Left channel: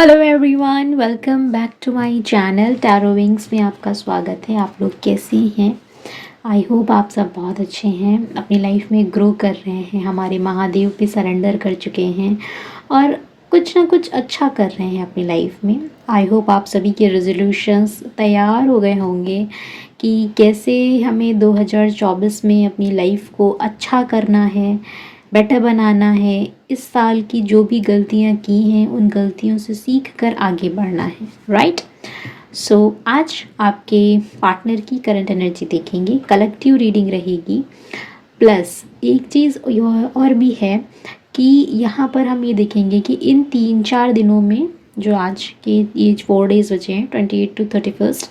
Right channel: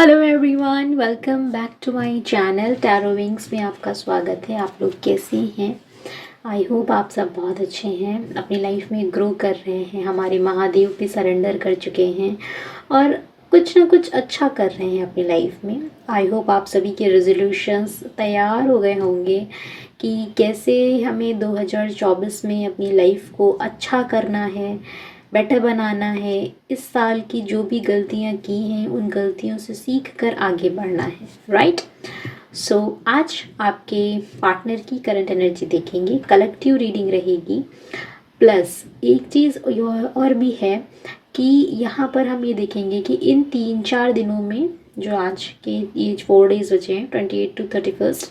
Hello everyone, welcome back to my channel tarot wings में आपका स्वागत है। आप लोग कैसे हैं? आई होप आप सब बहुत अच्छे हैं, अपनी लाइफ में ग्रो कर रहे हैं, हमारे महादेव पे सरेंडर कर चुके हैं और कुछ ना कुछ अच्छा कर रहे हैं अपनी लाइफ में। आई होप आप सभी के रेजोल्यूशंस तैयार हो गए होंगे कि कैसे हमें 2024 में अपनी लाइफ को अच्छा करना है, बेटर बनाना है। इस साल की जो भी गलतियां की हैं उन गलतियों से सीख कर आगे बढ़ना है, राइट? सो आज आपके पार्टनर की करंट एनर्जी देखेंगे, कलेक्टिव रीडिंग रहेगी। प्लस एक चीज़ और भी है कि यहाँ पर हम ये देखेंगे कि इन 3-4 दिनों में, जो आज के ये 4 डेज बचे हैं, 28 to 31,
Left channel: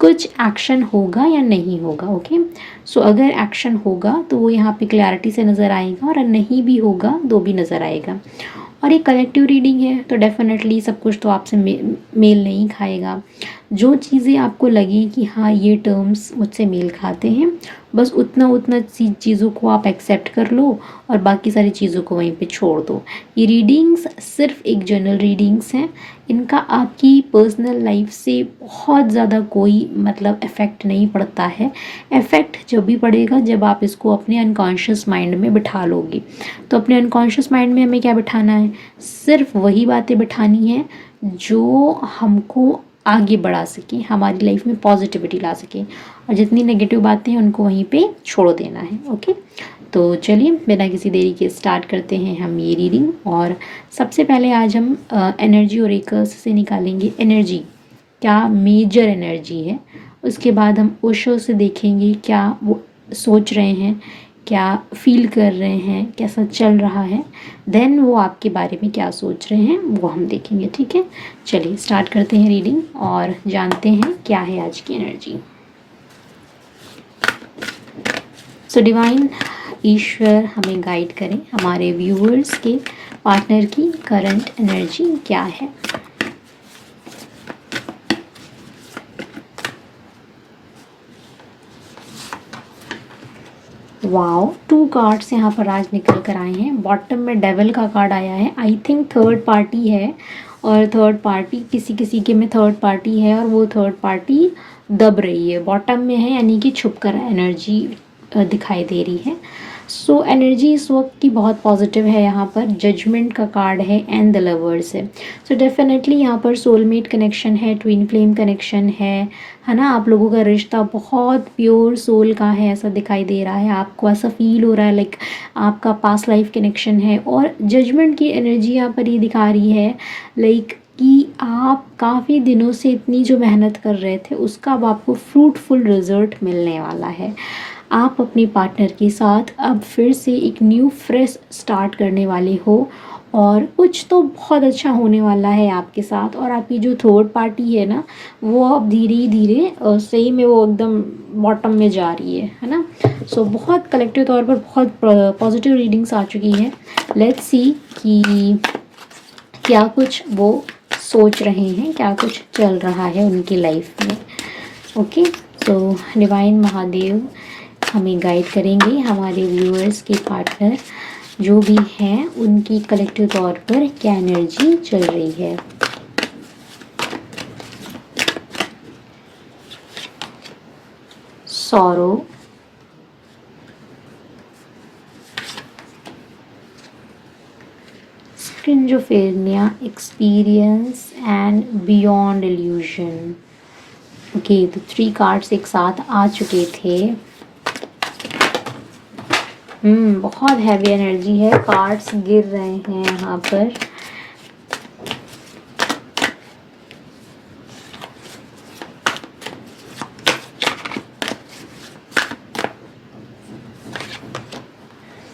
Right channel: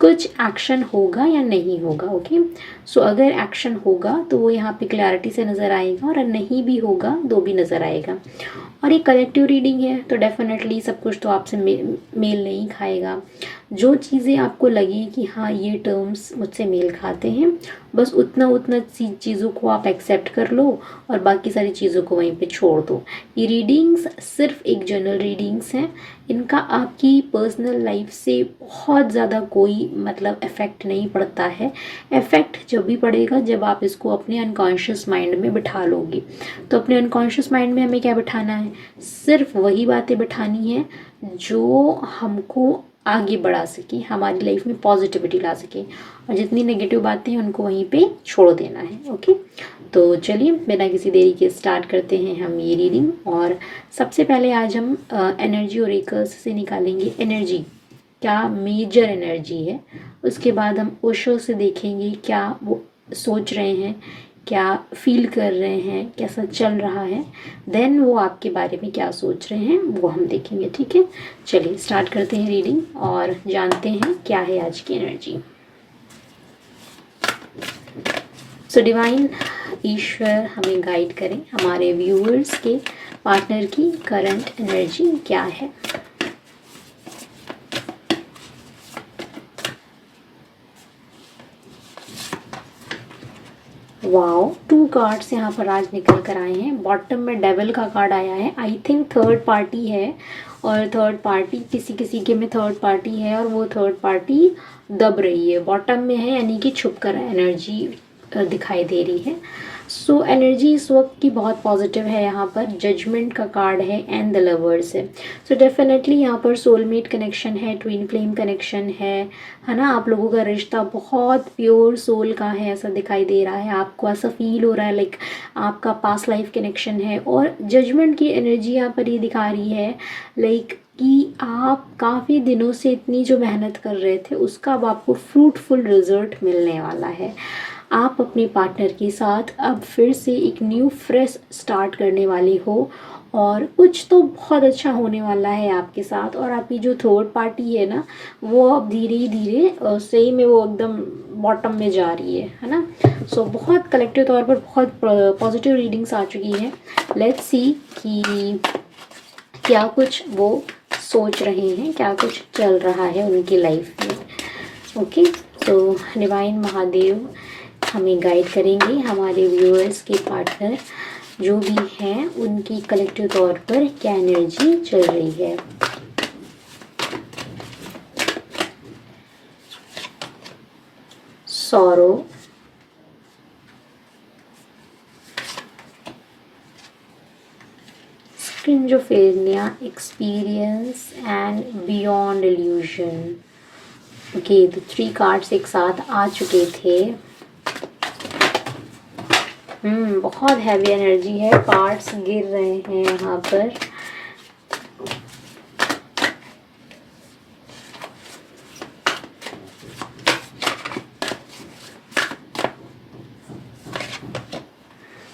कुछ एक्शन होगा या नहीं होगा। ओके, सो अगर एक्शन होगा तो वो यहाँ पे क्लैरिटी से नज़र आएगा और नहीं भी होगा तो भी नज़र आएगा। और ये कलेक्टिव रीडिंग है तो डेफिनेटली सब कुछ तो आपसे मेल नहीं खाएगा। जो चीज़ें आपको लगी कि हाँ ये टर्म्स मुझसे मेल खाते हैं, बस उतना उतना चीज़ों को आप एक्सेप्ट कर लो और बाकी सारी चीज़ों को वहीं पे छोड़ दो। ये रीडिंग्स सिर्फ एक जनरल रीडिंग्स हैं, इनका आपकी पर्सनल लाइफ से बहुत ज़्यादा कोई मतलब इफ़ेक्ट नहीं पड़ता है। इफ़ेक्ट जब भी पड़ेगा जब आप इसको अपने अनकॉन्शियस माइंड में बिठा लोगे। तो अपने अनकॉन्शियस माइंड में हमें क्या बिठाना है? सिर्फ वही बातें बिठानी है जो हमको आगे बढ़ा सके, हमारी लाइफ में पॉजिटिविटी ला सके, और जितनी नेगेटिव बातें हैं उनको वहीं पे छोड़ देना है। ओके, तो चलिए बिना किसी देरी के स्टार्ट करते हैं हम ये रीडिंग। और सबसे पहले आज हम एनर्जी ओरेकल्स से निकालेंगे एनर्जी, क्या मेजर एनर्जी है। उसके बाद हम ओशो से देखेंगे क्या वो सोच रहे हैं, क्या फील कर रहे हैं, कैसा चल रहा है। देन वो आपके बारे में क्या सोच रहे हैं वो हम देखेंगे। ठीक है, चलिए स्टार्ट करते हैं रीडिंग और जानते हैं क्या है आज की एनर्जी। सो डिवाइन ईश्वर हमें गाइड करें, हमारे व्यूअर्स के पार्टनर की करंट एनर्जी क्या है। वाओ, 2 कार्ड्स यहाँ पर आज निकल कर आए हैं। बॉटम में डेविल का कार्ड आया है, आई थिंक थर्ड पार्टी है, और थर्ड पार्टी किसी किसी के में थर्ड पार्टी है और वो थर्ड पार्टी दब रही है, बॉटम में है, यानी कि छुप कर एनर्जी दिखाई दे रही है। सो एनर्जी इस वक्त की बहुत पॉजिटिव है। यहाँ पर जजमेंट का कार्ड है एंड द लवर्स है। सो डेफिनेटली यहाँ पर सोलमेट कनेक्शन है, ट्विन फ्लेम कनेक्शन है ना। आप लोगों का रिश्ता बहुत प्योर सोल का है, ऐसा दिखाई दे रहा है, आपको ऐसा फील हो रहा है लाइक आपका पास्ट लाइफ कनेक्शन है। और जजमेंट की एनर्जी यहाँ पर ये दिखा रही है लाइक कि आप काफ़ी दिनों से इतनी जो मेहनत कर रहे थे उसका अब आपको फ्रूटफुल रिजल्ट मिलने वाला है। आप अपने पार्टनर के साथ अब फिर से एक न्यू फ्रेश स्टार्ट करने वाले हो और कुछ तो बहुत अच्छा होने वाला है आपके साथ। और आपकी जो थर्ड पार्टी है ना, वो अब धीरे धीरे सही में वो एकदम बॉटम में जा रही है ना। सो बहुत कलेक्टिव तौर पर बहुत पॉजिटिव रीडिंग्स आ चुकी हैं। लेट्स सी कि क्या कुछ वो सोच रहे हैं, क्या कुछ चल रहा है उनकी लाइफ में। ओके, तो डिवाइन महादेव हमें गाइड करेंगे, हमारे व्यूअर्स के पार्टनर जो भी हैं उनकी कलेक्टिव तौर पर क्या एनर्जी चल रही है। Sorrow, schizophrenia, experience and beyond illusion. Okay, तो 3 कार्ड्स एक साथ आ चुके थे। बहुत हैवी एनर्जी है, कार्ड्स गिर रहे हैं यहाँ पर।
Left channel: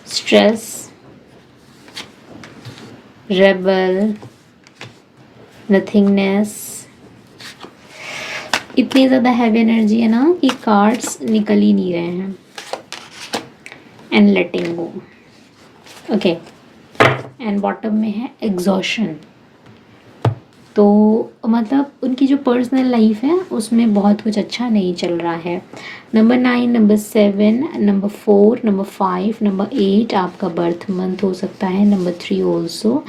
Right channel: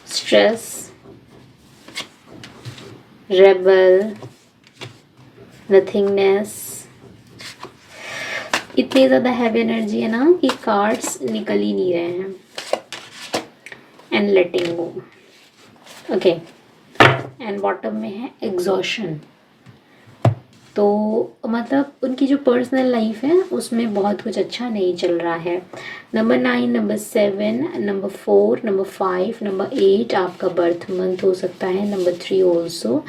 Stress, rebel, nothingness. इतनी ज़्यादा हैवी एनर्जी है ना कि कार्ड्स निकल ही नहीं रहे हैं। And letting go. Okay, and bottom में है एग्जॉशन। तो मतलब उनकी जो पर्सनल लाइफ है उसमें बहुत कुछ अच्छा नहीं चल रहा है। Number 9, number 7, number 4, number 5, number 8 आपका बर्थ मंथ हो सकता है, नंबर 3 ऑल्सो,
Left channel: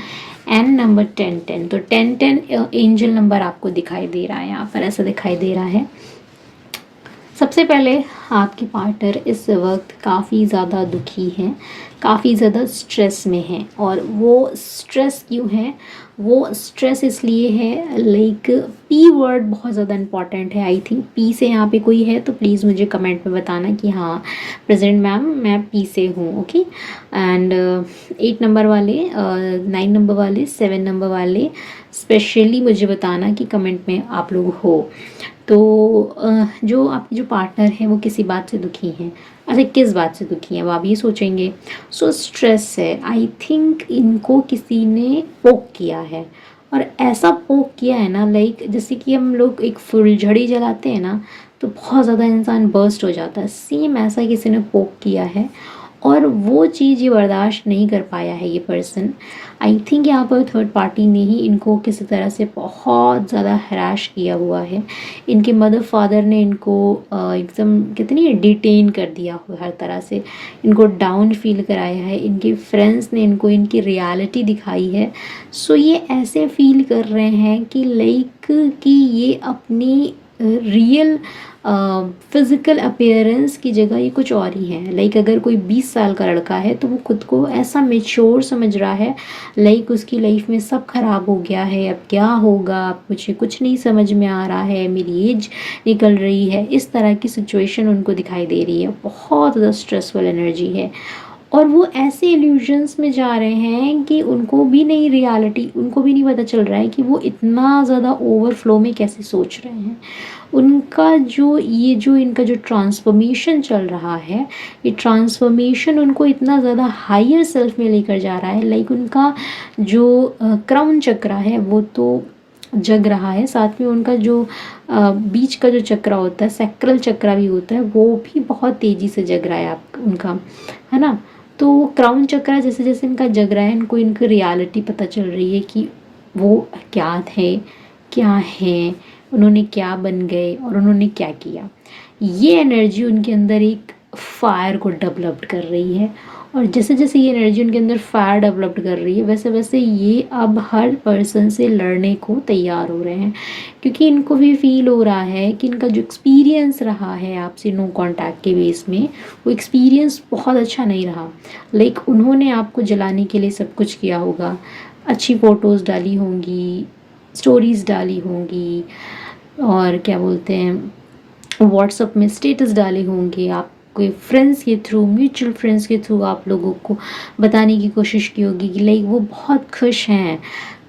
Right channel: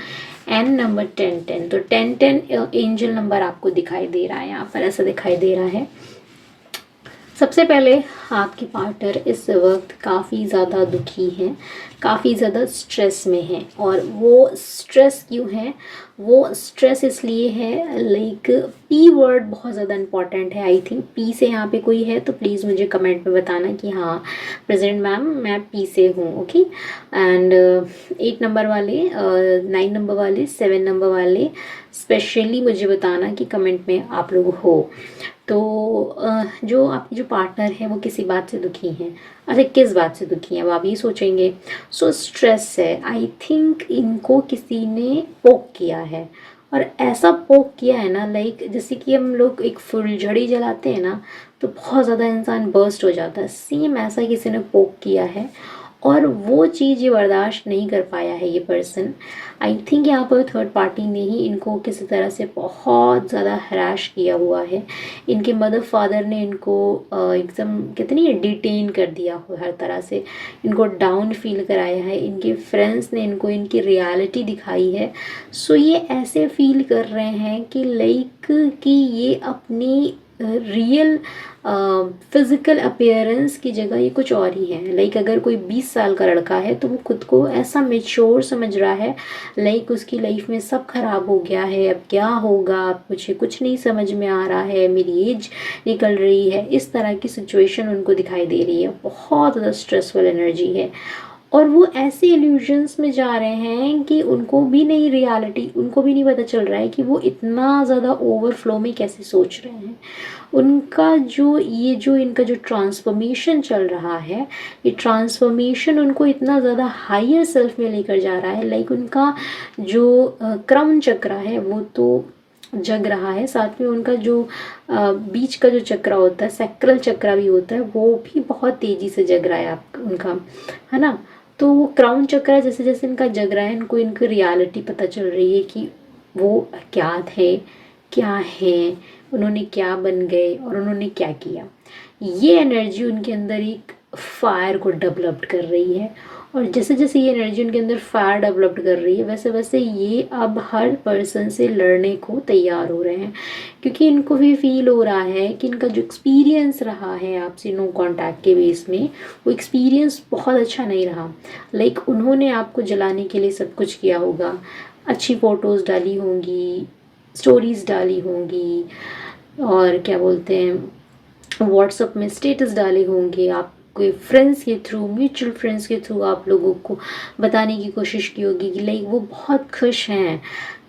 एंड नंबर 10। तो 10 एंजल नंबर आपको दिखाई दे रहा है, यहाँ पर ऐसा दिखाई दे रहा है। सबसे पहले आपकी पार्टनर इस वक्त काफ़ी ज़्यादा दुखी हैं, काफ़ी ज़्यादा स्ट्रेस में हैं। और वो स्ट्रेस क्यों है? वो स्ट्रेस इसलिए है, लाइक पी वर्ड बहुत ज़्यादा इंपॉर्टेंट है। आई थिंक पी से यहाँ पे कोई है तो प्लीज़ मुझे कमेंट में बताना कि हाँ प्रेजेंट मैम मैं पी से हूँ। ओके, एंड 8 नंबर वाले, 9 नंबर वाले, 7 नंबर वाले स्पेशली मुझे बताना कि कमेंट में आप लोग हो। तो जो आपकी जो पार्टनर है वो किसी बात से दुखी हैं। अच्छा, किस बात से दुखी हैं वो आप ये सोचेंगे। सो स्ट्रेस है, आई थिंक इनको किसी ने पोक किया है। और ऐसा पोक किया है ना, लाइक जैसे कि हम लोग एक फुलझड़ी जलाते हैं ना तो बहुत ज़्यादा इंसान बर्स्ट हो जाता है, सेम ऐसा किसी ने पोक किया है। और वो चीज़ ये बर्दाश्त नहीं कर पाया है ये पर्सन। आई थिंक यहाँ पर थर्ड पार्टी ने ही इनको किसी तरह से बहुत ज़्यादा हराश किया हुआ है। इनके मदर फादर ने इनको एकदम कितनी डिटेन कर दिया हुआ हर तरह से, इनको डाउन फील कराया है। इनके फ्रेंड्स ने इनको इनकी रियलिटी दिखाई है। सो ये ऐसे फील कर रहे हैं कि लाइक कि ये अपनी रियल फिज़िकल अपीयरेंस की जगह ये कुछ और ही है। लाइक अगर कोई 20 साल का लड़का है तो वो खुद को ऐसा मेच्योर समझ रहा है, लाइक उसकी लाइफ में सब खराब हो गया है, अब क्या होगा, अब मुझे कुछ नहीं समझ में आ रहा है, मेरी एज निकल रही है। इस तरह की सिचुएशन उनको दिखाई दे रही है, बहुत ज़्यादा स्ट्रेसफुल एनर्जी है। और वो ऐसे इल्यूजन्स में जा रहे हैं कि उनको भी नहीं, रियलिटी उनको भी नहीं पता चल रहा है कि वो इतना ज़्यादा ओवरफ्लो में कैसे सोच रहे हैं। उनका जो इनका जो ट्रांसफॉर्मेशन चल रहा है, ये ट्रांसफॉर्मेशन उनको इतना ज़्यादा हायर सेल्फ में लेकर जा रहा है। लाइक उनका जो क्रम चक्र है वो तो जग रहा है, साथ में उनका जो बीच का जो चक्र होता है, सैक्रल चक्र भी होता है, वो भी बहुत तेज़ी से जग रहा है आप उनका, है ना। तो वो क्राउन चक्र जैसे जैसे इनका जग रहा है, इनको इनकी रियलिटी पता चल रही है कि वो क्या थे, क्या है, उन्होंने क्या बन गए और उन्होंने क्या किया। ये एनर्जी उनके अंदर एक फायर को डेवलप कर रही है। और जैसे जैसे ये एनर्जी उनके अंदर फायर डेवलप कर रही है, वैसे वैसे ये अब हर पर्सन से लड़ने को तैयार हो रहे हैं। क्योंकि इनको भी फील हो रहा है कि इनका जो एक्सपीरियंस रहा है आपसे नो कांटेक्ट के बेस में, वो एक्सपीरियंस बहुत अच्छा नहीं रहा। लाइक उन्होंने आपको जलाने के लिए सब कुछ किया होगा, अच्छी फ़ोटोज़ डाली होंगी, स्टोरीज़ डाली होंगी, और क्या बोलते हैं व्हाट्सअप में स्टेटस डाले होंगे, आप कोई फ्रेंड्स के थ्रू, म्यूचुअल फ्रेंड्स के थ्रू आप लोगों को बताने की कोशिश की होगी कि लाइक वो बहुत खुश हैं।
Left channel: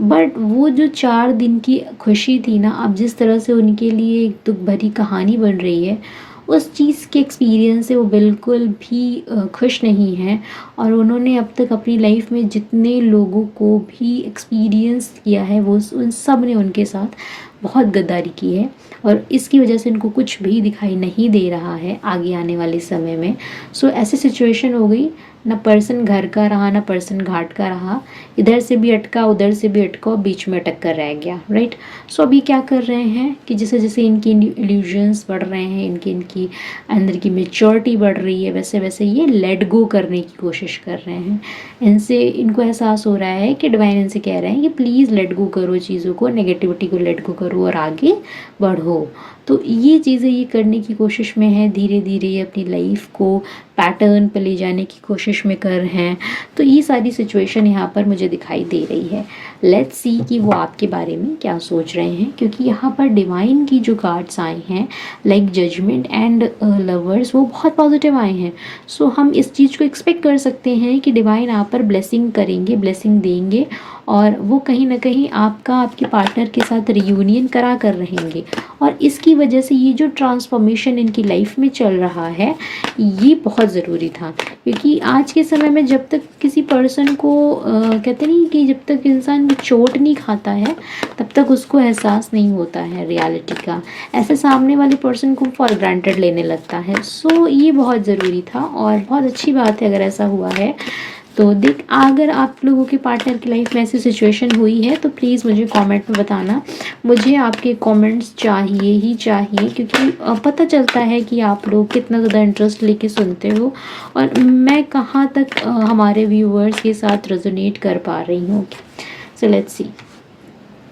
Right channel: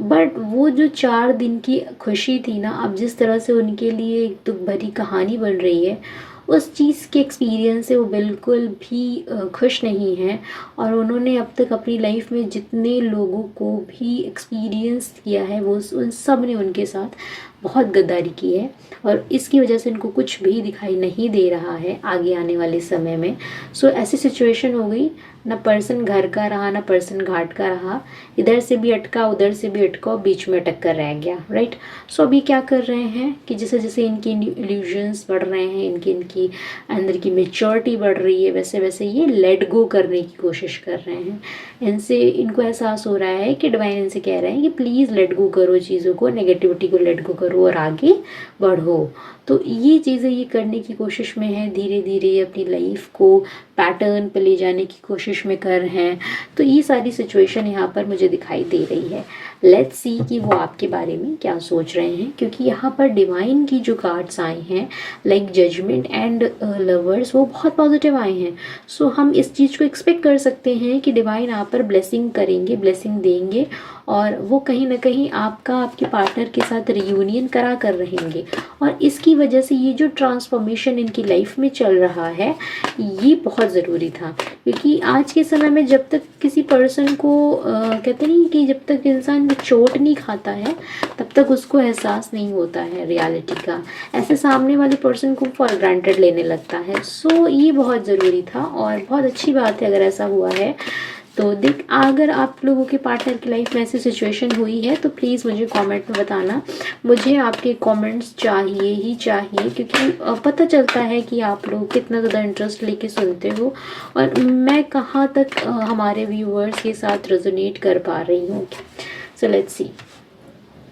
बट वो जो 4 दिन की खुशी थी ना, अब जिस तरह से उनके लिए एक दुख भरी कहानी बन रही है, उस चीज़ के एक्सपीरियंस से वो बिल्कुल भी खुश नहीं हैं। और उन्होंने अब तक अपनी लाइफ में जितने लोगों को भी एक्सपीरियंस किया है, वो उन सब ने उनके साथ बहुत गद्दारी की है। और इसकी वजह से इनको कुछ भी दिखाई नहीं दे रहा है आगे आने वाले समय में। सो ऐसी सिचुएशन हो गई, ना पर्सन घर का रहा ना पर्सन घाट का रहा, इधर से भी अटका उधर से भी अटका, बीच में अटक कर रह गया, राइट। सो अभी क्या कर रहे हैं कि जैसे जैसे इनकी इल्यूजन्स बढ़ रहे हैं, इनकी अंदर की मेच्योरिटी बढ़ रही है, वैसे वैसे ये लेट गो करने की कोशिश कर रहे हैं। इनसे इनको एहसास हो रहा है कि डिवाइन इनसे कह रहे हैं कि प्लीज़ लेट गो करो चीज़ों को, नेगेटिविटी को लेट गो करो और आगे बढ़ो। तो ये चीज़ें ये करने की कोशिश में है, धीरे धीरे ये अपनी लाइफ को पैटर्न पे ले जाने की कोशिश में कर हैं। तो ये सारी सिचुएशन यहाँ पर मुझे दिखाई दे रही है। लेट्स सी कि वो आपके बारे में क्या सोच रहे हैं, क्योंकि यहाँ पर डिवाइन की जो कार्ड्स आए हैं लाइक जजमेंट एंड लवर्स, वो बहुत पॉजिटिव आए हैं। सो हम इस चीज़ को एक्सपेक्ट कर सकते हैं कि डिवाइन आप पर ब्लेसिंग करेंगे, ब्लेसिंग देंगे, और वो कहीं ना कहीं आपके पार्टनर के साथ रियूनियन करा कर रहेंगे। और इसकी वजह से ये जो ट्रांसफॉर्मेशन इनकी लाइफ में चल रहा है, ये बहुत ज़रूरी था। क्योंकि आज के समय में जब तक किसी पर्सन को कहते नहीं कि जब तक इंसान चोट नहीं खाता है तब तक उसको एहसास नहीं होता है रियलिटी का, ऐसे सामने वाले पर्सन को फॉर ग्रांटेड लेने लगता है। सो ये बहुत ज़रूरी था और बहुत अच्छी बात है अगर ऐसा हुआ है। तो देख, अगर आप लोगों के पार्टनर की लाइफ में ऐसी सिचुएशन हुई है तो प्लीज़ मुझे कमेंट में बताना। मुझे आपके कमेंट्स चाहिए ही चाहिए, क्योंकि पता चलता है कि आप लोग कितना ज़्यादा इंटरेस्ट लेके सुनते हो और मैं कहाँ तक हमारे व्यूअर्स के साथ रेजोनेट कर पा रही हूँ। So let's see.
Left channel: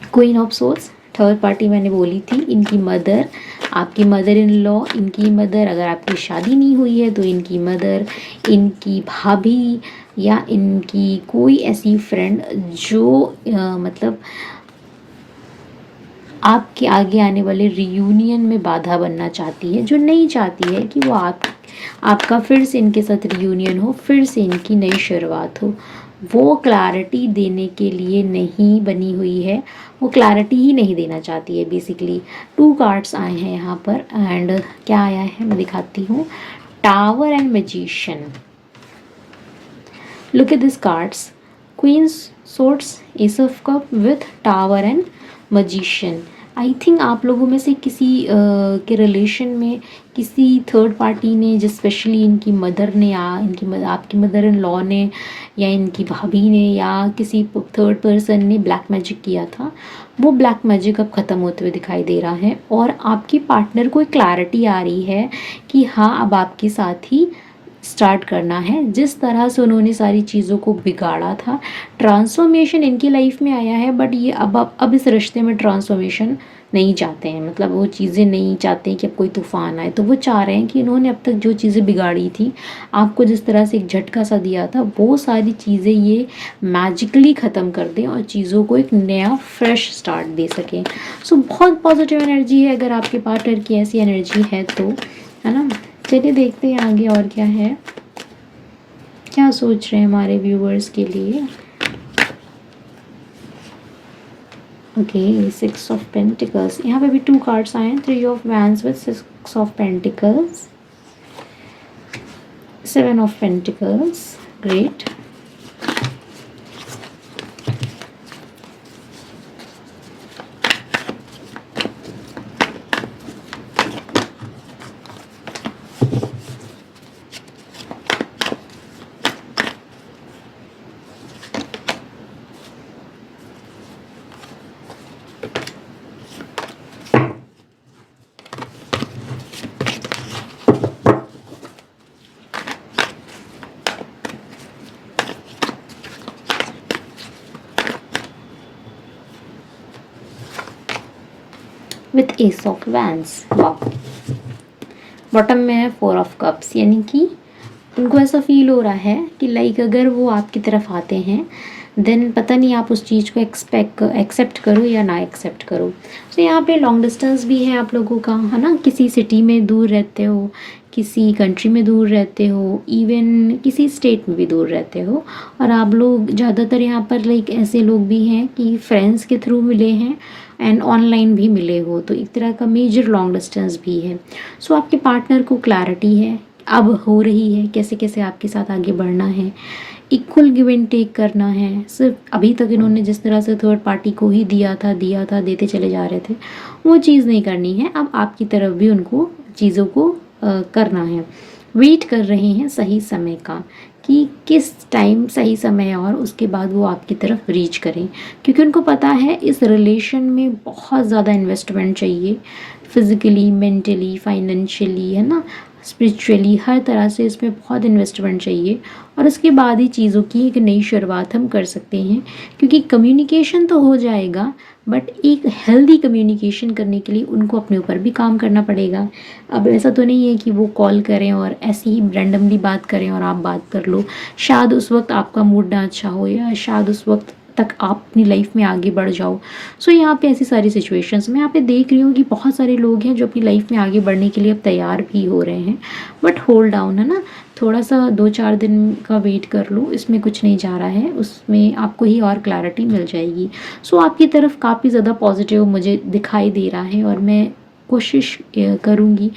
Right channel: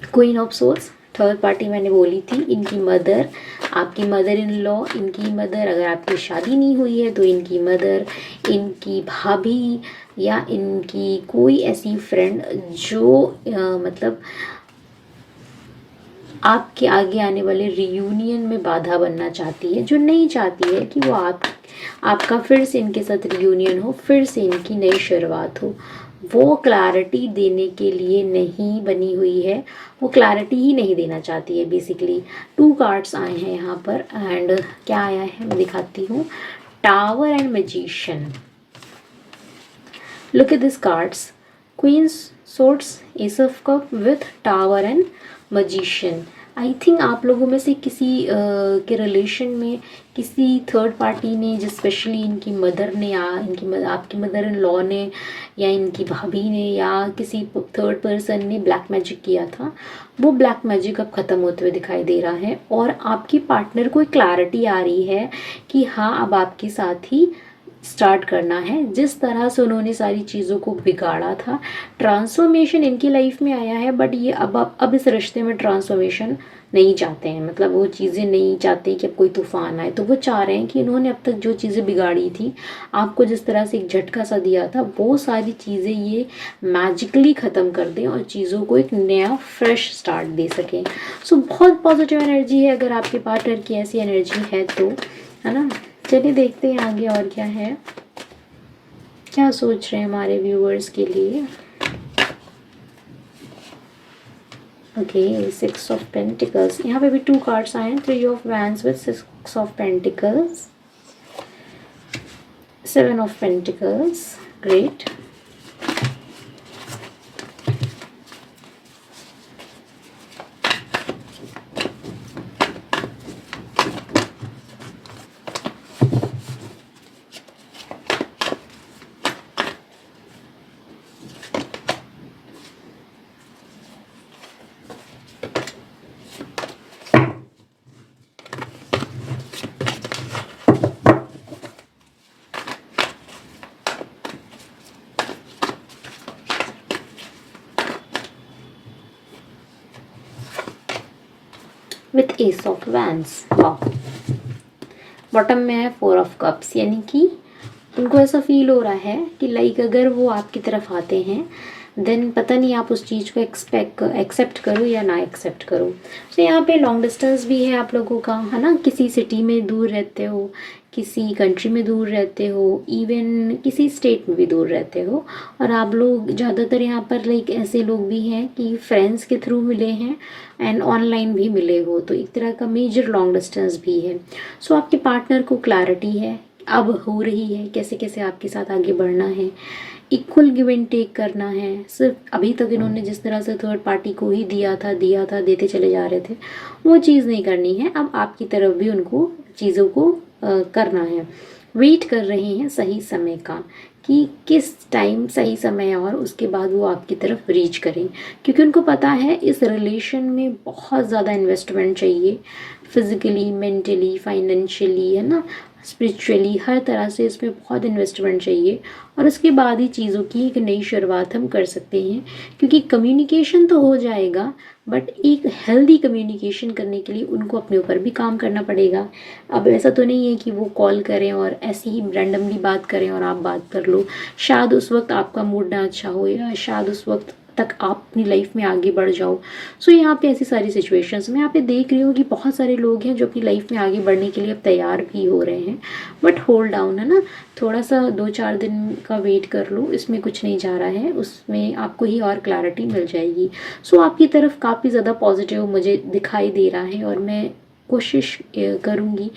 Queen of source, third party मैंने बोली थी, इनकी मदर, आपकी मदर इन लॉ, इनकी मदर, अगर आपकी शादी नहीं हुई है तो इनकी मदर, इनकी भाभी या इनकी कोई ऐसी फ्रेंड जो मतलब आपके आगे आने वाले रियूनियन में बाधा बनना चाहती है, जो नहीं चाहती है कि वो आपका फिर से इनके साथ रियूनियन हो, फिर से इनकी नई शुरुआत हो। वो क्लैरिटी देने के लिए नहीं बनी हुई है, वो क्लैरिटी ही नहीं देना चाहती है बेसिकली। 2 कार्ड्स आए हैं यहाँ पर एंड क्या आया है मैं दिखाती हूँ। Tower and magician. Look at this cards, queens swords, ace of cup with tower and magician. I think आप लोगों में से किसी के रिलेशन में किसी थर्ड पार्टी ने, जो स्पेशली इनकी मदर ने या आपकी मदर इन लॉ ने या इनकी भाभी ने या किसी थर्ड पर्सन ने ब्लैक मैजिक किया था, वो ब्लैक मैजिक अब ख़त्म होते हुए दिखाई दे रहा है और आपकी पार्टनर को एक क्लैरिटी आ रही है कि हाँ, अब आपके साथ ही स्टार्ट करना है। जिस तरह से उन्होंने सारी चीज़ों को बिगाड़ा था, ट्रांसफॉर्मेशन इनकी लाइफ में आया है, बट ये अब इस रिश्ते में ट्रांसफॉर्मेशन नहीं चाहते हैं। मतलब वो चीज़ें नहीं चाहते कि अब कोई तूफान आए, तो वो चाह रहे हैं कि इन्होंने अब तक जो चीज़ें बिगाड़ी थी, आपको जिस तरह से एक झटका सा दिया था, वो सारी चीज़ें ये मैजिकली ख़त्म कर दें और चीज़ों को एक नया फ्रेश स्टार्ट दे सकें। सो बहुत पॉजिटिव एनर्जी है अगर आपके पार्टनर की ऐसी एनर्जी है तो, है ना। चलिए देखते हैं आगे और क्या है, क्या सोच रहे हैं हमारे व्यूअर्स के लिए। ओके, 6 ऑफ पेंटिकल्स, यहाँ पे भी 2 कार्ड्स आए हैं, 3 of wands with 6 of pentacles, 7 of pentacles, great. With S of wands, वाह। बॉटम में है 4 ऑफ कप्स, यानी कि उनको ऐसा फील हो रहा है कि लाइक अगर वो आपकी तरफ आते हैं देन पता नहीं आप उस चीज़ को एक्सेप्ट करो या ना एक्सेप्ट करो। तो यहाँ पे लॉन्ग डिस्टेंस भी है आप लोगों का, है ना। किसी सिटी में दूर रहते हो, किसी कंट्री में दूर रहते हो, इवन किसी स्टेट में भी दूर रहते हो, और आप लोग ज़्यादातर यहाँ पर लाइक ऐसे लोग भी हैं कि फ्रेंड्स के थ्रू मिले हैं एंड ऑनलाइन भी मिले हो, तो एक तरह का मेजर लॉन्ग डिस्टेंस भी है। सो आपके पार्टनर को क्लैरिटी है अब हो रही है कैसे कैसे आपके साथ आगे बढ़ना है, इक्वल गिव एंड टेक करना है। सिर्फ अभी तक इन्होंने जिस तरह से थर्ड पार्टी को ही दिया था देते चले जा रहे थे, वो चीज़ नहीं करनी है। अब आपकी तरफ भी उनको चीज़ों को करना है। वेट कर रहे हैं सही समय का कि किस टाइम सही समय है और उसके बाद वो आपकी तरफ रीच करें, क्योंकि उनको पता है इस रिलेशन में बहुत ज़्यादा इन्वेस्टमेंट चाहिए, फिज़िकली, मेंटली, फाइनेंशियली, है ना, स्पिरिचुअली, हर तरह से इसमें बहुत इन्वेस्टमेंट चाहिए। और उसके बाद ही चीज़ों की एक नई शुरुआत हम कर सकते हैं, क्योंकि कम्युनिकेशन तो हो जाएगा बट एक हेल्दी कम्युनिकेशन करने के लिए उनको अपने ऊपर भी काम करना पड़ेगा। अब ऐसा तो नहीं है कि वो कॉल करें और ऐसे ही रैंडमली बात करें और आप बात कर लो। शायद उस वक्त आपका मूड ना अच्छा हो या शायद उस वक्त तक आप अपनी लाइफ में आगे बढ़ जाओ। सो यहाँ पे ऐसी सारी सिचुएशंस में यहाँ पे देख रही हूँ कि बहुत सारे लोग हैं जो अपनी लाइफ में आगे बढ़ने के लिए अब तैयार भी हो रहे हैं, बट होल्ड डाउन, है ना। थोड़ा सा 2-4 दिन का वेट कर लो, इसमें कुछ नहीं जा रहा है, उसमें आपको ही और क्लैरिटी मिल जाएगी। सो आपकी तरफ काफ़ी ज़्यादा पॉजिटिव मुझे दिखाई दे रहा है और मैं कोशिश करूँगी,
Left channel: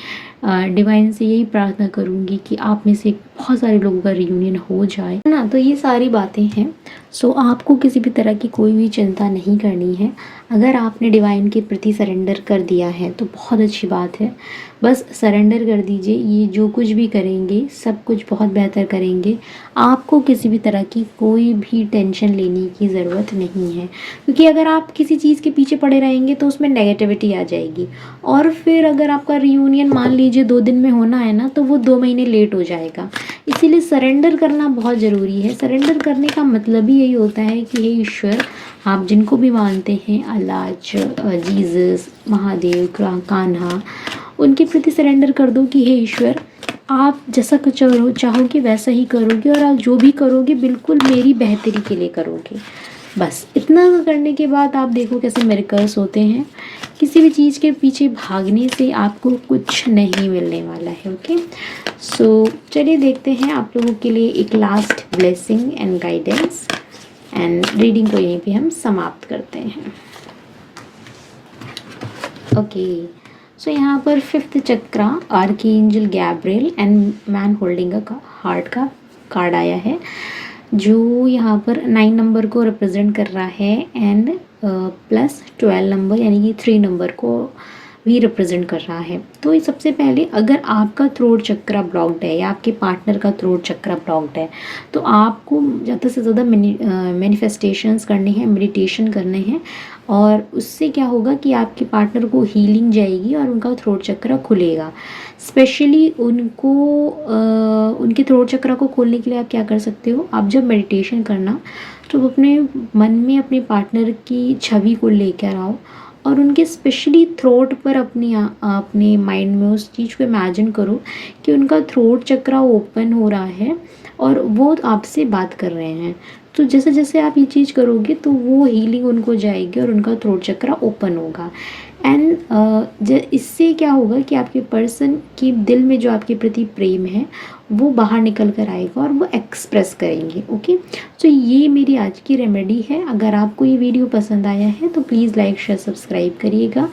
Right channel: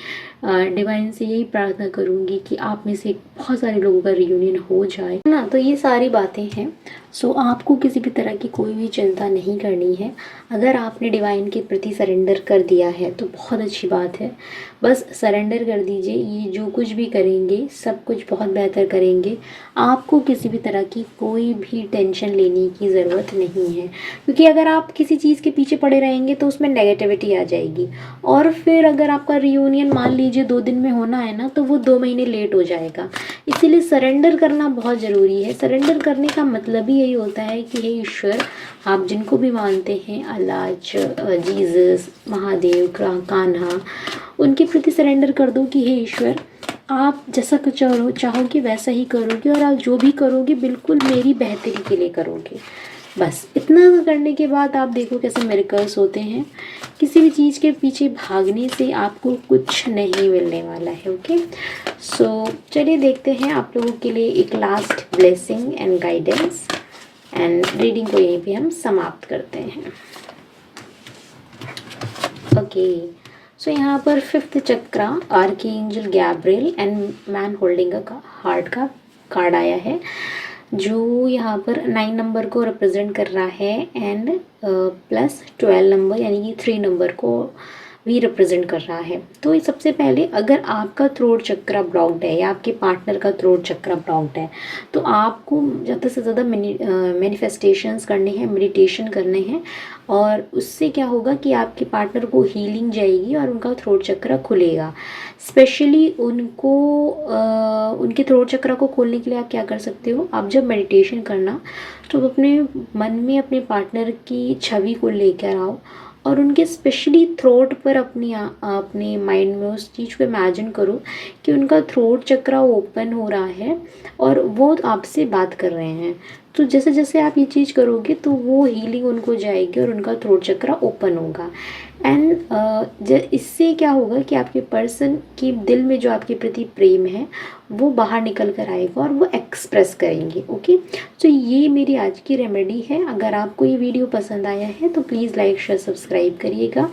डिवाइन से यही प्रार्थना करूँगी कि आप में से बहुत सारे लोगों का रियूनियन हो जाए, है ना। तो ये सारी बातें हैं। सो आपको किसी भी तरह की कोई भी चिंता नहीं करनी है। अगर आपने डिवाइन के प्रति सरेंडर कर दिया है तो बहुत अच्छी बात है। बस सरेंडर कर दीजिए, ये जो कुछ भी करेंगे सब कुछ बहुत बेहतर करेंगे। आपको किसी भी तरह की कोई भी टेंशन लेने की ज़रूरत नहीं है, क्योंकि अगर आप किसी चीज़ के पीछे पड़े रहेंगे तो उसमें नेगेटिविटी आ जाएगी, और फिर अगर आपका रियूनियन मान लीजिए 2 दिन में होना है ना, तो वो 2 महीने लेट हो जाएगा। इसीलिए सरेंडर करना बहुत ज़रूरी है। सरेंडर करने का मतलब ही यही होता है कि हे ईश्वर, आप जिनको भी मानते हैं, अल्लाह, जीसस, महादेव, कान्हा, उनके प्रति सरेंडर कर दो कि हे ईश्वर, आप जैसा कुछ चाहोगे वैसा ही करोगे, और आप जो भी करोगे बिल्कुल मेरी बेहतरी के लिए करोगे। बस इतना करने के बाद आप देखो कैसे मिरेकल्स होते हैं। किसी भी चीज़ के पीछे भागने से आपको कुछ नहीं मिलने वाला है। ओके, सो चलिए देखते हैं आप लोगों के लिए एक last blessing and guidance, and reading को यहीं पे हम समाप्त करते हैं। ओके, सो यहाँ पर 5th chakra, archangel Gabriel and man holding a heart का कार्ड आया है, जो यहाँ पर 9 नंबर को रिप्रेजेंट कर रहा है, एंड प्लस 12 नंबर यानी कि 3 नंबर को भी रिप्रेजेंट कर रहा है। तो ये सबसे पहले, अगर आपका थ्रोट चक्रा ब्लॉक्ड है या आपके पार्टनर का थ्रोट चक्रा ब्लॉक्ड है, तो आपको ज़्यादा से ज़्यादा मैनिफेस्टेशंस करने हैं, मेडिटेशन करने हैं, और उससे क्या होगा कि आपके पार्टनर को हीलिंग जाएगी और उनका थ्रोट चक्रा खुलेगा। स्पेशली उनको उनके थ्रोट चक्रा को खोलने के लिए आप क्या कर सकते हो, आप जब मेडिटेशन करना तो अपने मन में अपने पार्टनर की छवि को लेकर आओ, और उनके स्पेशली थ्रोट पर अपने माइंड में उस चीज़ को इमेजिन करो कि उनका थ्रोट चक्रा ओपन हो रहा है और वो आपसे बात कर रहे हैं। तो जैसे जैसे आप ये चीज़ करोगे तो वो हीलिंग उनको जाएगी और उनका थ्रोट चक्रा ओपन होगा। एंड इससे क्या होगा कि आपके पर्सन के दिल में जो आपके प्रति प्रेम है वो बाहर निकल कर आएगा और वो एक्सप्रेस करेंगे। ओके, तो ये मेरी आज की रेमेडी है। अगर आपको ये वीडियो पसंद आया है तो प्लीज़ लाइक, शेयर, सब्सक्राइब करिएगा।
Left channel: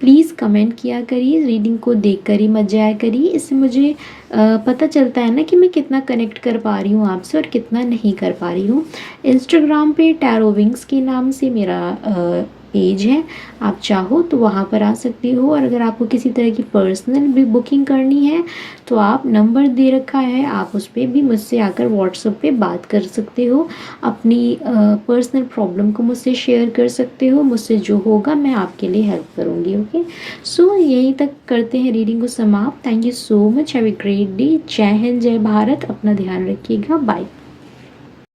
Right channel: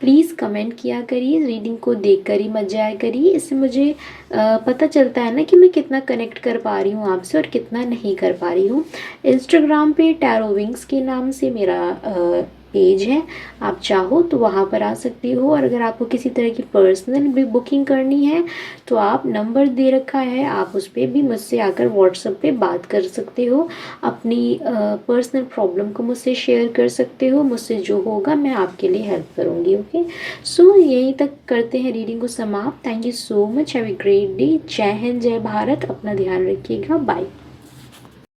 प्लीज़ कमेंट किया करिए, रीडिंग को देख कर ही मत जाया करिए। इससे मुझे पता चलता है ना कि मैं कितना कनेक्ट कर पा रही हूँ आपसे और कितना नहीं कर पा रही हूँ। इंस्टाग्राम पे टैरो विंग्स के नाम से मेरा पेज है, आप चाहो तो वहाँ पर आ सकते हो। और अगर आपको किसी तरह की पर्सनल भी बुकिंग करनी है तो आप नंबर दे रखा है, आप उस पर भी मुझसे आकर व्हाट्सएप पे बात कर सकते हो, अपनी पर्सनल प्रॉब्लम को मुझसे शेयर कर सकते हो। मुझसे जो होगा मैं आपके लिए हेल्प करूँगी। ओके, सो यहीं तक करते हैं रीडिंग को समाप्त। Thank you so much, have a great day. जय हिंद, जय भारत, अपना ध्यान रखिएगा, बाय।